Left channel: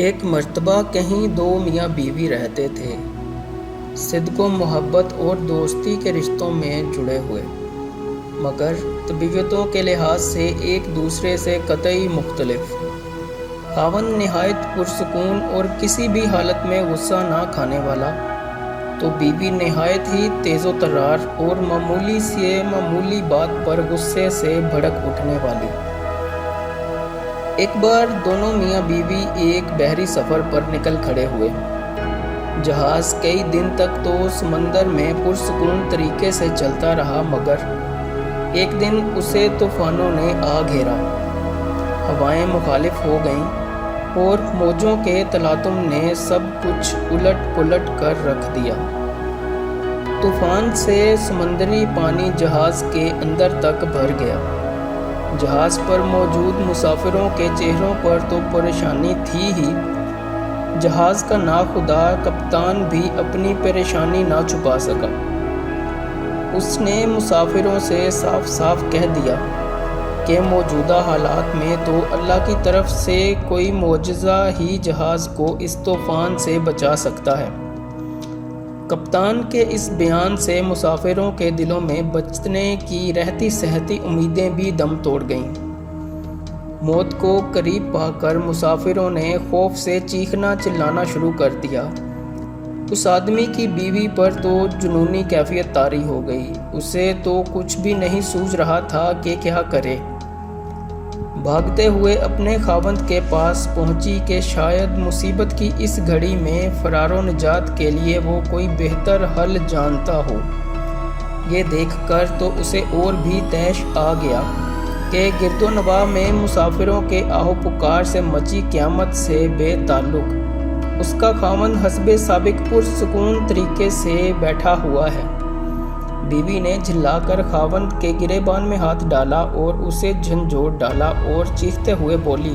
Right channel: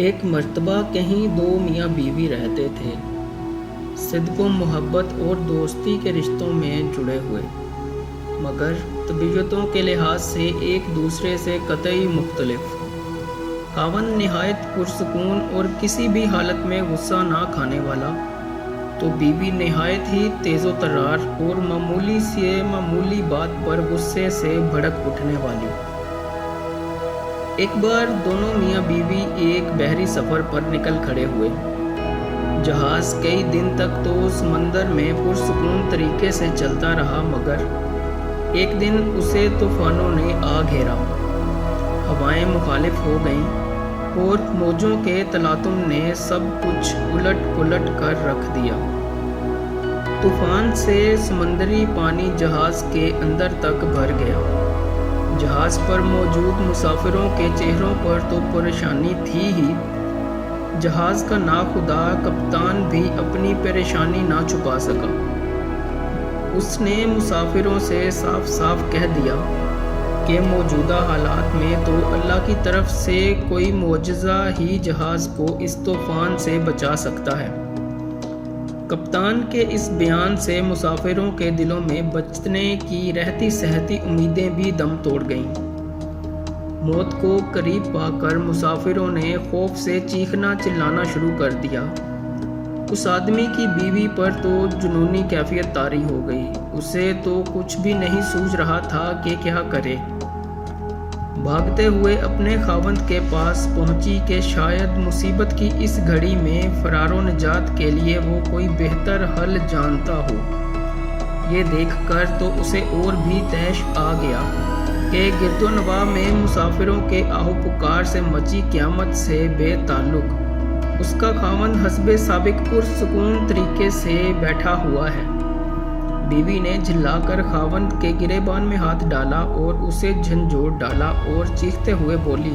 ایک مرتبہ کہیں دو میاں بیوی رہتے تھے، صدق و محبت اور دوستی کے رشتوں میں جڑے ہوئے، مگر طبیعتوں کے لحاظ سے ایک دوسرے سے قطعی مختلف۔ خاوند نہایت پرسکون اور کسی بھی حالت میں غصہ نہ کھانے والا، تو بیوی نہایت ہی تیز و ترار اور معمولی سے معمولی بات پر غصے سے بھڑک اٹھنے والی۔ ایک بار دونوں میاں بیوی ایک بحری سفر پر نکل کھڑے ہوئے۔ جہاز کئی دن تک تو سمندر میں پرسکون طریقے سے چلتا رہا، مگر ایک دن اسے طوفانوں نے آ گھیرا۔ ہوائیں مخالف ہو گئیں اور موجوں کے تلاطم نے سب کچھ الٹ پلٹ کر رکھ دیا۔ طوفان سے سمندری پانی جہاز کے اندر تک بھر گیا۔ جہاز پر موجود مسافروں کے چہروں پر تو پریشانی تھی ہی، جہاز کا ناخدا کپتان بھی اپنی پریشانی نہ چھپا سکا۔ اس نے مسافروں سے صاف صاف کہہ دیا کہ موجودہ حالات میں تو اللہ کی طرف سے کوئی معجزہ ہی جہاز کو اس طوفان سے بچا سکتا ہے۔ کپتان کے اس بیان سے مسافروں کے دلوں میں بچنے کی رہتی سہتی امیدیں بھی دم توڑ گئیں۔ موت کو قریب پا کر مسافروں نے خوف سے چیخنا چلانا شروع کر دیا۔ اس آدمی کی بیوی پر تو جنونی کیفیت طاری ہو گئی۔ اسے تو کچھ بھی نہیں سوجھ رہا تھا کہ کیا کرے۔ بھاگتے ہوئے اپنے خاوند کے پاس پہنچی کہ شاید مصیبت کی اس گھڑی میں فرار و نجات کے لیے وہ کوئی بہتر حل جانتا ہو۔ یہ دیکھ کر تو اسے اور بھی طیش آ گیا کہ گرد و نواح میں مسافروں کے آہو پکار سے مچی قیامت سے بے تعلق اس کا خاوند حسب سابق پرسکون طریقے سے بیٹھا ہوا ہے۔ بیوی نے جھلا کر خاوند کے گریبان میں ہاتھ ڈالا اور اسے جھنجھوڑ ڈالا اور چیختے ہوئے بولی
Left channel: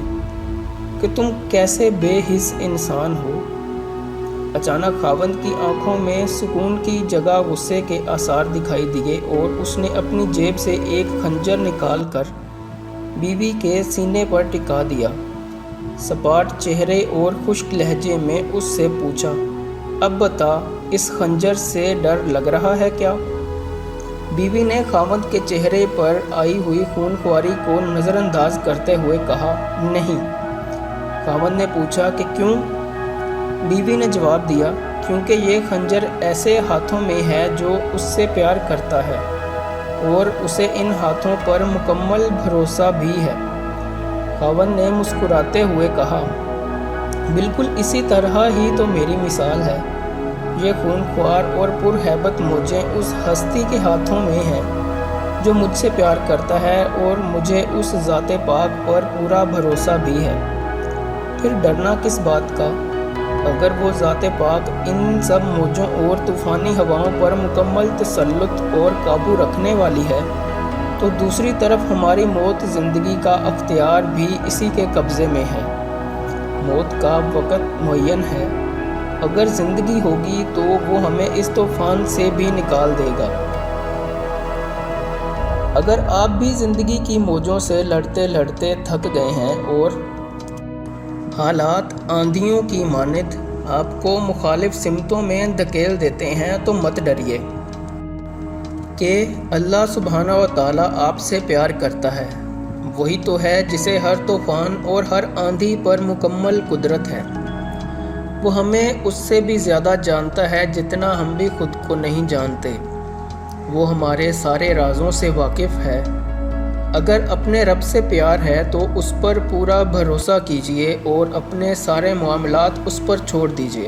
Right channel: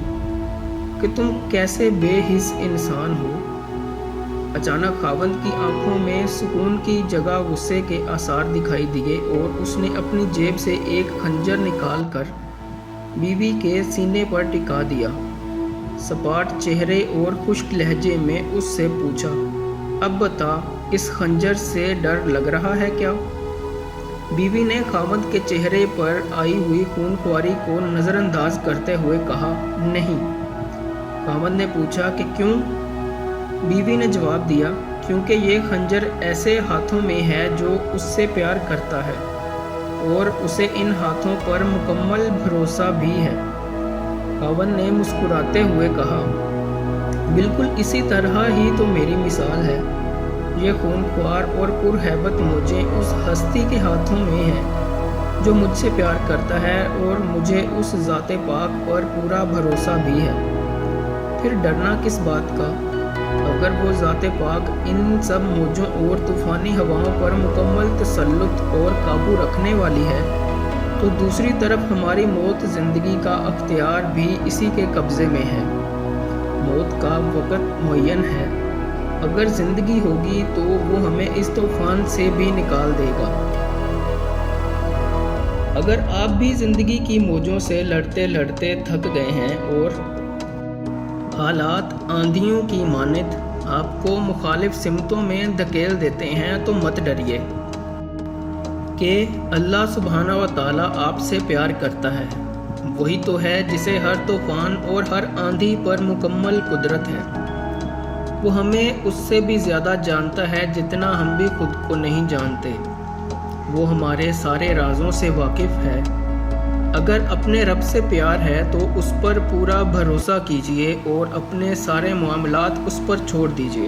کہ تم کیسے بے حس انسان ہو۔ اچانک خاوند کی آنکھوں میں سکون کی جگہ غصے کے آثار دکھائی دیے اور اس نے اپنی جیب سے ایک خنجر نکال کر بیوی کے سینے پر ٹکا دیا۔ سپاٹ چہرے اور خشک لہجے میں اس سے پوچھا، اب بتا، اس خنجر سے ڈر لگ رہا ہے کیا؟ بیوی نے خاوند کے چہرے پر آئی ہوئی خون خواری کو نظر انداز کرتے ہوئے کہا، نہیں۔ خاوند نے پوچھا کہ کیوں؟ بیوی نے جواب دیا، کیونکہ یہ خنجر ایسے ہاتھوں میں ہے جو اس سے پیار کرتا ہے اور اسے ان ہاتھوں پر مکمل بھروسہ بھی ہے۔ خاوند نے مسکراتے ہوئے کہا، بالکل اسی طرح ہی تو میری مثال ہے۔ یہ خون خوار اور پرہیبت موجیں اس ہستی کے ہاتھوں میں ہیں جو مجھ سے پیار کرتا ہے اور مجھے اس ذات پاک پر پورا بھروسہ بھی ہے۔ پھر ڈرنا کس بات کا؟ اگر وہ ذات پاک ان سب موجوں اور طوفانی ہواؤں پر مکمل تسلط اور قابو رکھنے والی ہے، تو دوسری طرف ہماری موت زندگی کا اختیار بھی اسی کے قبضے میں ہے۔ موت کا وقت معین ہے۔ اگر زندگی ہوگی تو وہ ہمیں اس طوفان سے بھی نکال دے گا۔ اگر آپ بھی زندگی کی موجوں سے لڑتے لڑتے تھک گئے ہیں اور حالات آندھیوں کی مانند آپ کو مخالف سمتوں میں دھکیل دیتے ہیں تو مت ڈریے کہ اللہ سبحانہ و تعالیٰ آپ سے پیار کرتا ہے۔ وہی تو ہے جسے ہر طوفان اور ہر آندھی پر مکمل قدرت ہے۔ وہ ہمیں اس سے بھی زیادہ جانتا ہے جتنا ہم بھی خود کو نہیں جانتے۔ وہ ہمارے سارے رازوں سے واقف ہے۔ اگر اپنے رب سے پیار ہے تو اس پر پورا بھروسہ کیجیے اور اپنے سارے معاملات اس پر چھوڑ دیجیے۔